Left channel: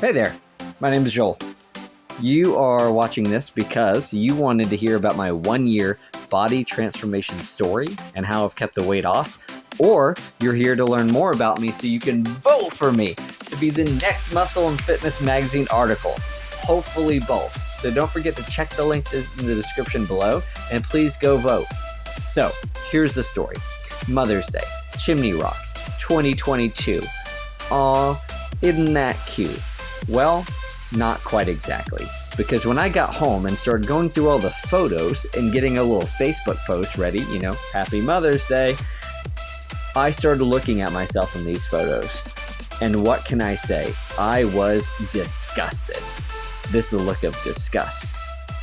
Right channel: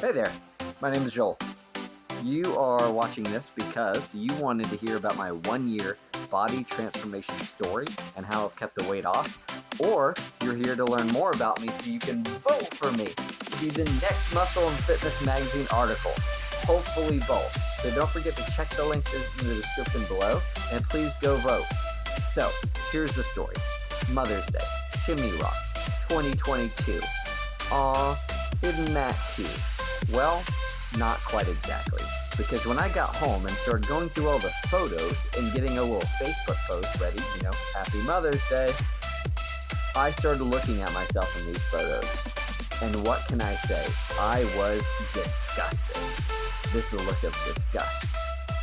Hey there, my name is Joel. You are watching this because you wanted to hear about my 1-year body transformation story and how I've kept the weight off, or you're here to learn more about me so you can vote for me to be the next Muscle and Fitness magazine article. Hopefully both. So don't forget to check the link in the description below and please go vote. So here's the story. Mother's Day, Chimney Rock, 2022. Aw, isn't that cute? Well, not quite exactly. Because when I got home and started going through all the photos and getting a little Facebook post ready, Happy Mother's Day, I started looking at myself in these photos. And what can I say? I was disgusted. This is a look of disgust.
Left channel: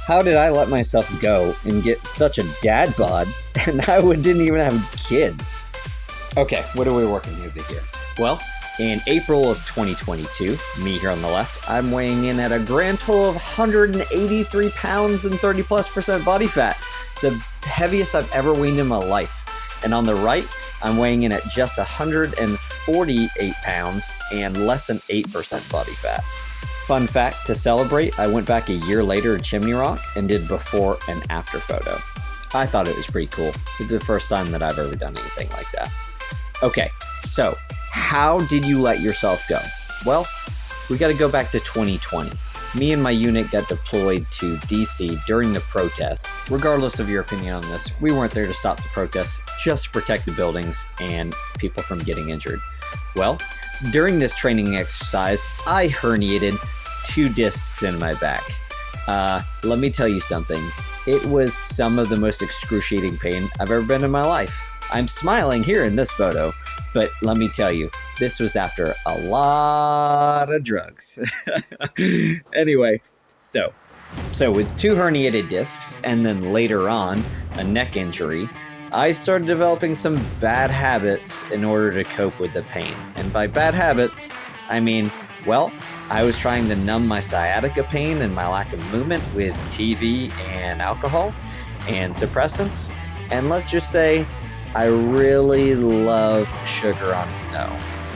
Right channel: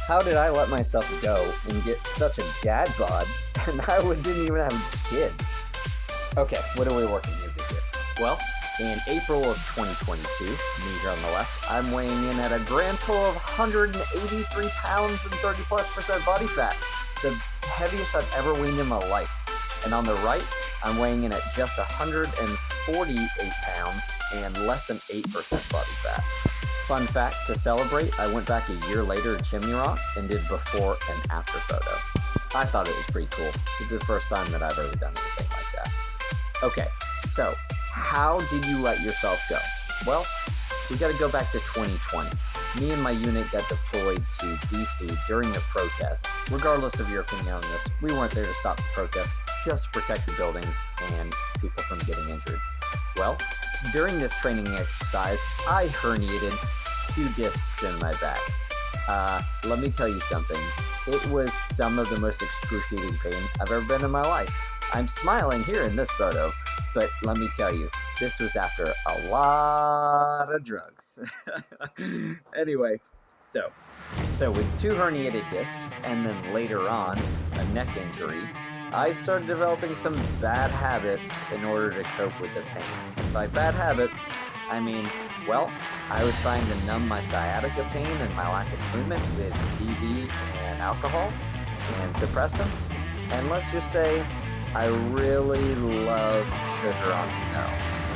How did I let myself go and get such a dad bod and I didn't even have kids? Okay, what are we working with here? Well, in April of 2022, me here on the left, I'm weighing in at a grand total of 183 pounds and 30+% body fat. The heaviest I've ever weighed in my life. And on the right, I'm weighing in at just 148 pounds and less than 8% body fat. Fun fact, to celebrate, I went back a year later to Chimney Rock and did before and after photo. I thought it was pretty cool. It's the first time that I've ever done anything like that. Okay, so how did you let yourself go? Well, we got to go back to 2020. Me and my unit got deployed to DC during the protest. Regardless of your opinion on this, we weren't there to stop the protests, just to protect the buildings and people from getting injured. Well, during this training exercise, I herniated 2 discs in my back. Let me tell you something. It was some of the most excruciating pain I've ever been in my life. I'm smiling here in this photo, but let me tell you, this was after a lot of drugs. Anyway, so with 2 herniated discs and then later on a neck injury, I started developing some bad habits in order to cope with the pain. And by bad habits, I mean, well, I was trying to numb my sciatica pain and my lack of movement with TV and alcohol and suppressants. And let's just say, I really love sugar on snow,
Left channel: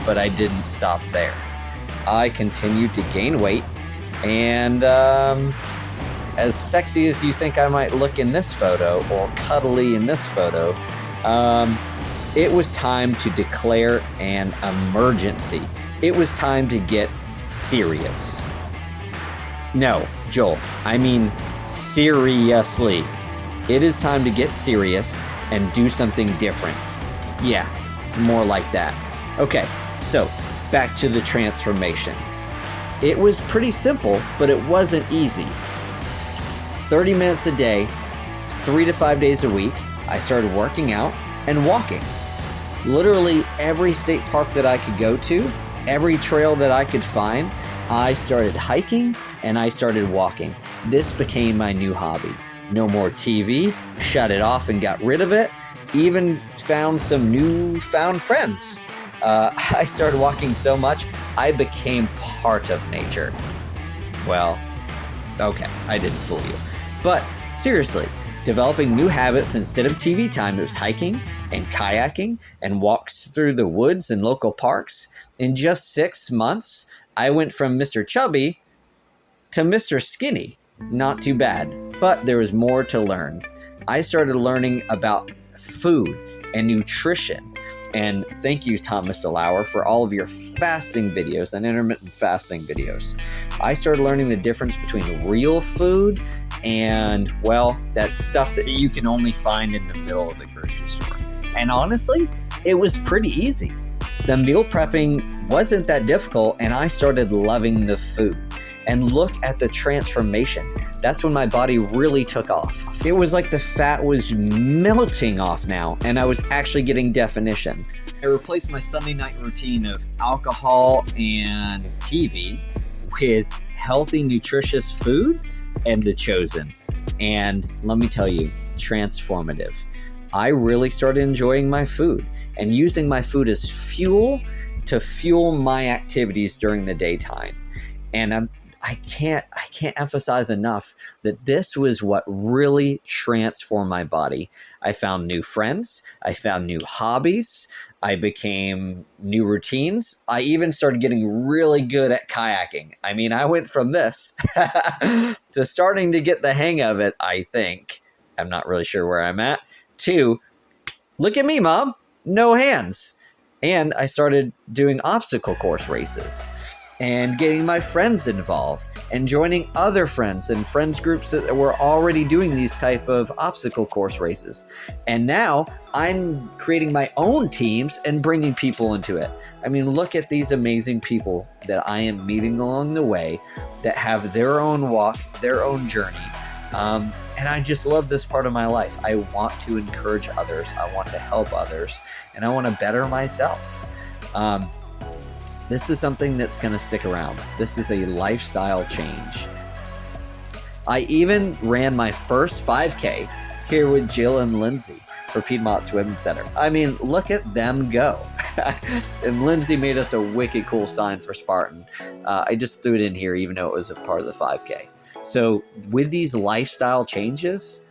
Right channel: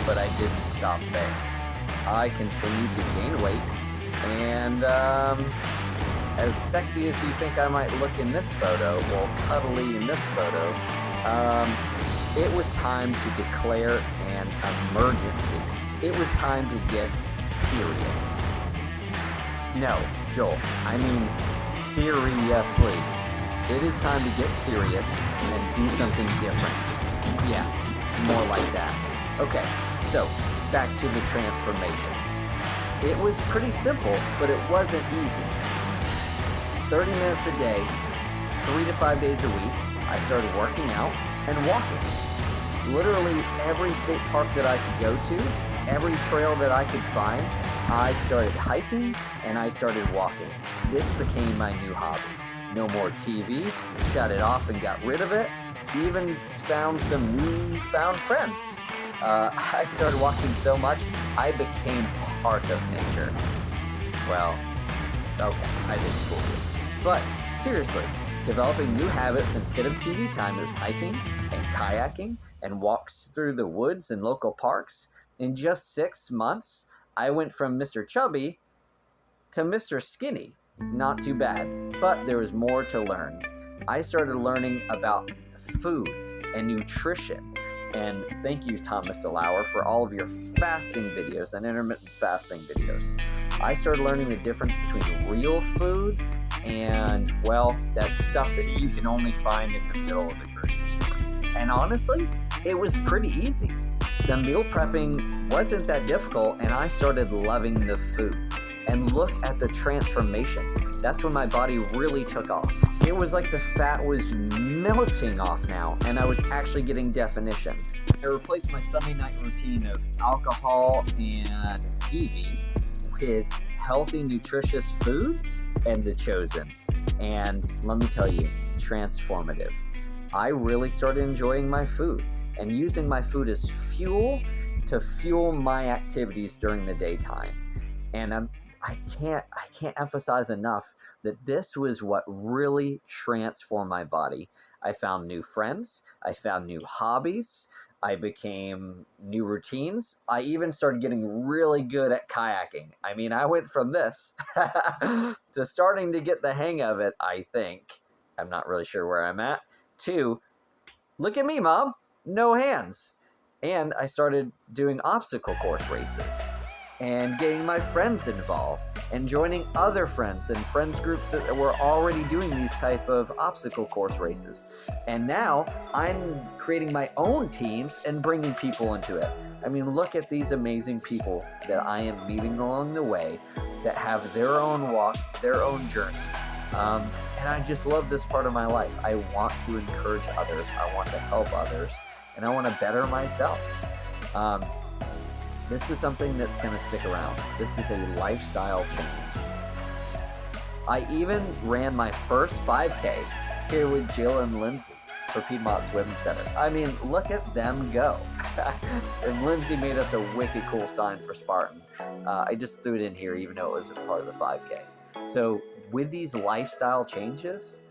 but I didn't stop there. I continued to gain weight, and as sexy as you think I might look in this photo, or cuddly in this photo, it was time to declare an emergency. It was time to get serious. No, Joel, I mean seriously. It is time to get serious and do something different. Yeah, more like that. Okay, so back to the transformation. It was pretty simple, but it wasn't easy. 30 minutes a day, 3 to 5 days a week, I started working out and walking. Literally every state park that I could go to, every trail that I could find, I started hiking and I started walking. This became my new hobby. No more TV, shut it off and got rid of it. Even found some newfound friends. I started walking so much, I became part of nature. Well, okay, I didn't fool you. But seriously, developing new habits instead of TV time, it was hiking and kayaking and walks through the woods and local parks. In just 6 months, I went from Mr. Chubby to Mr. Skinny. Not too bad, but there was more to learn. I started learning about food and nutrition. And thank you, Thomas DeLauer, for all of your fasting videos and intermittent fasting videos. I started learning the difference between real food and, well, that stuff that you can only find in the middle of the grocery store. And honestly, it was pretty easy. The meal prepping wasn't that difficult, and I started loving the food. And look at the transformation. That's when my body really took off. It was like the fat was melting off now, and I was actually getting definition. I replaced my Sunday night routine of alcohol and TV with healthy, nutritious food and The Chosen. And let me tell you, transformative. I really started enjoying my food and using my food as fuel to fuel my activities during the daytime. And I can't emphasize enough that this was what really transformed my body. I found new friends. I found new hobbies. I became new routines. I even started getting really good at kayaking. I mean, I went from this to starting to get the hang of it, I think. I'm not really sure where I'm at. To, look at me, Mom, no hands. And I started doing obstacle course races and getting my friends involved and joining other friends and friends groups that were already doing these type of obstacle course races. And now I'm creating my own teams and bringing people into it. I mean, look at these amazing people that I am meeting along the way that have their own walk, their own journey. And I just love this part of my life. I want to encourage others. I want to help others, and I want to better myself. This is something that's going to stick around. This is a lifestyle change. I even ran my first 5K here with Jill and Lindsay for Piedmont Swim Center. I mean, look at them go. And Lindsay made us a wicked cool sign for Spartan. I just threw it in here even though it was a part of the 5K. So with these lifestyle changes,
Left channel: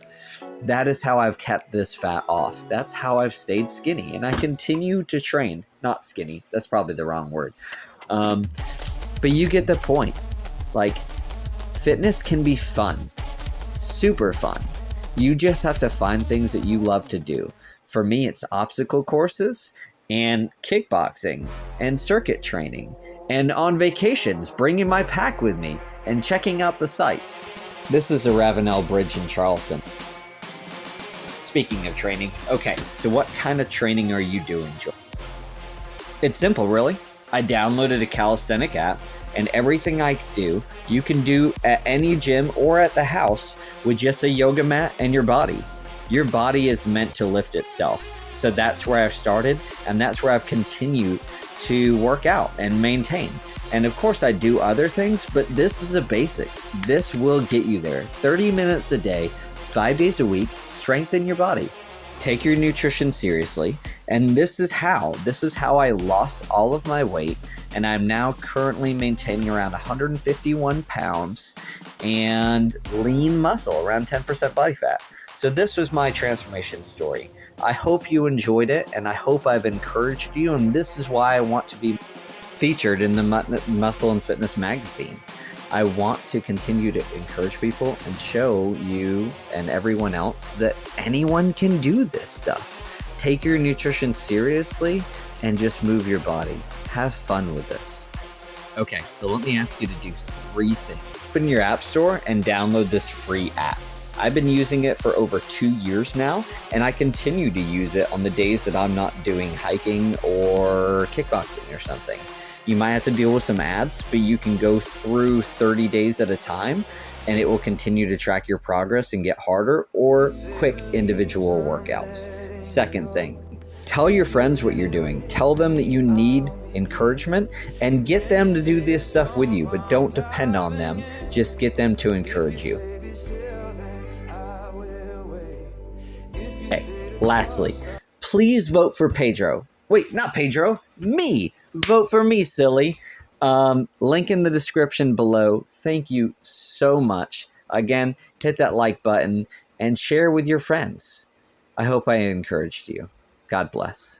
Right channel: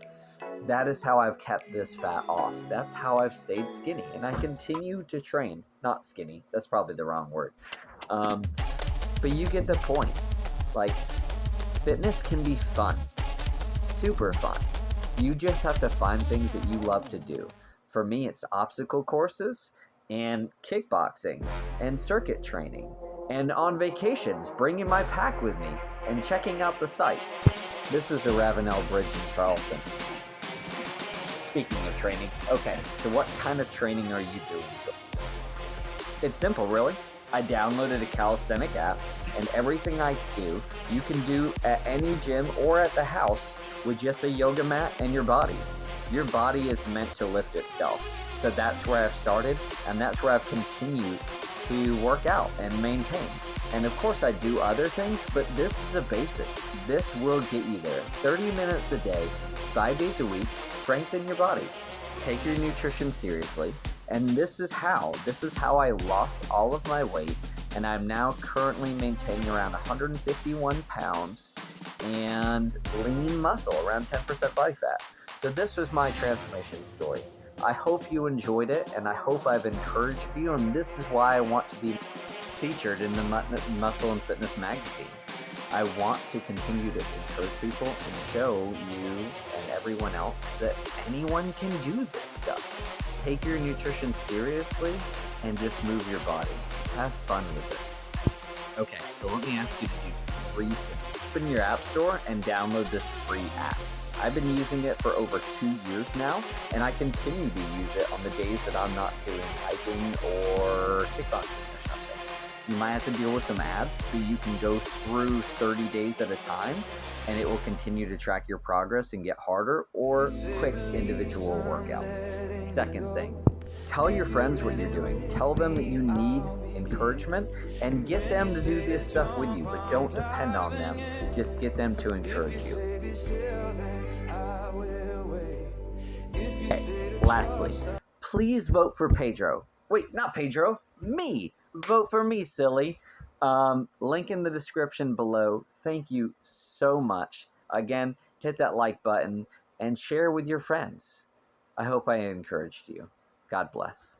that is how I've kept this fat off. That's how I've stayed skinny. And I continue to train. Not skinny. That's probably the wrong word. But you get the point. Like, fitness can be fun. Super fun. You just have to find things that you love to do. For me, it's obstacle courses and kickboxing and circuit training. And on vacations, bringing my pack with me and checking out the sights. This is the Ravenel Bridge in Charleston. Speaking of training, okay, so what kind of training are you doing, Joel? It's simple, really. I downloaded a calisthenic app, and everything I do, you can do at any gym or at the house with just a yoga mat and your body. Your body is meant to lift itself. So that's where I've started, and that's where I've continued to work out and maintain. And of course I do other things, but this is the basics. This will get you there. 30 minutes a day, 5 days a week, strengthen your body. Take your nutrition seriously. And this is how I lost all of my weight. And I'm now currently maintaining around 151 pounds and lean muscle, around 10% body fat. So this was my transformation story. I hope you enjoyed it, and I hope I've encouraged you, and this is why I want to be featured in the Muscle and Fitness magazine. I want to continue to encourage people and show you and everyone else that anyone can do this stuff. Take your nutrition seriously and just move your body. Have fun with this. Okay, so let me ask you to do 3 things. Open your app store and download this free app. I've been using it for over 2 years now, and I continue to use it on the days that I'm not doing hiking or kickboxing or something. You might have to deal with some ads, but you can go through 30 days at a time, and it will continue to track your progress and get harder or quick individual workouts. Second thing, tell your friends what you're doing. Tell them that you need encouragement and get them to do this stuff with you, but don't depend on them. Just get them to encourage you. Lastly, please vote for Pedro. Wait, not Pedro, me. Vote for me, silly. Link in the description below. Thank you so much. Again, hit that like button and share with your friends. I hope I encouraged you. God bless.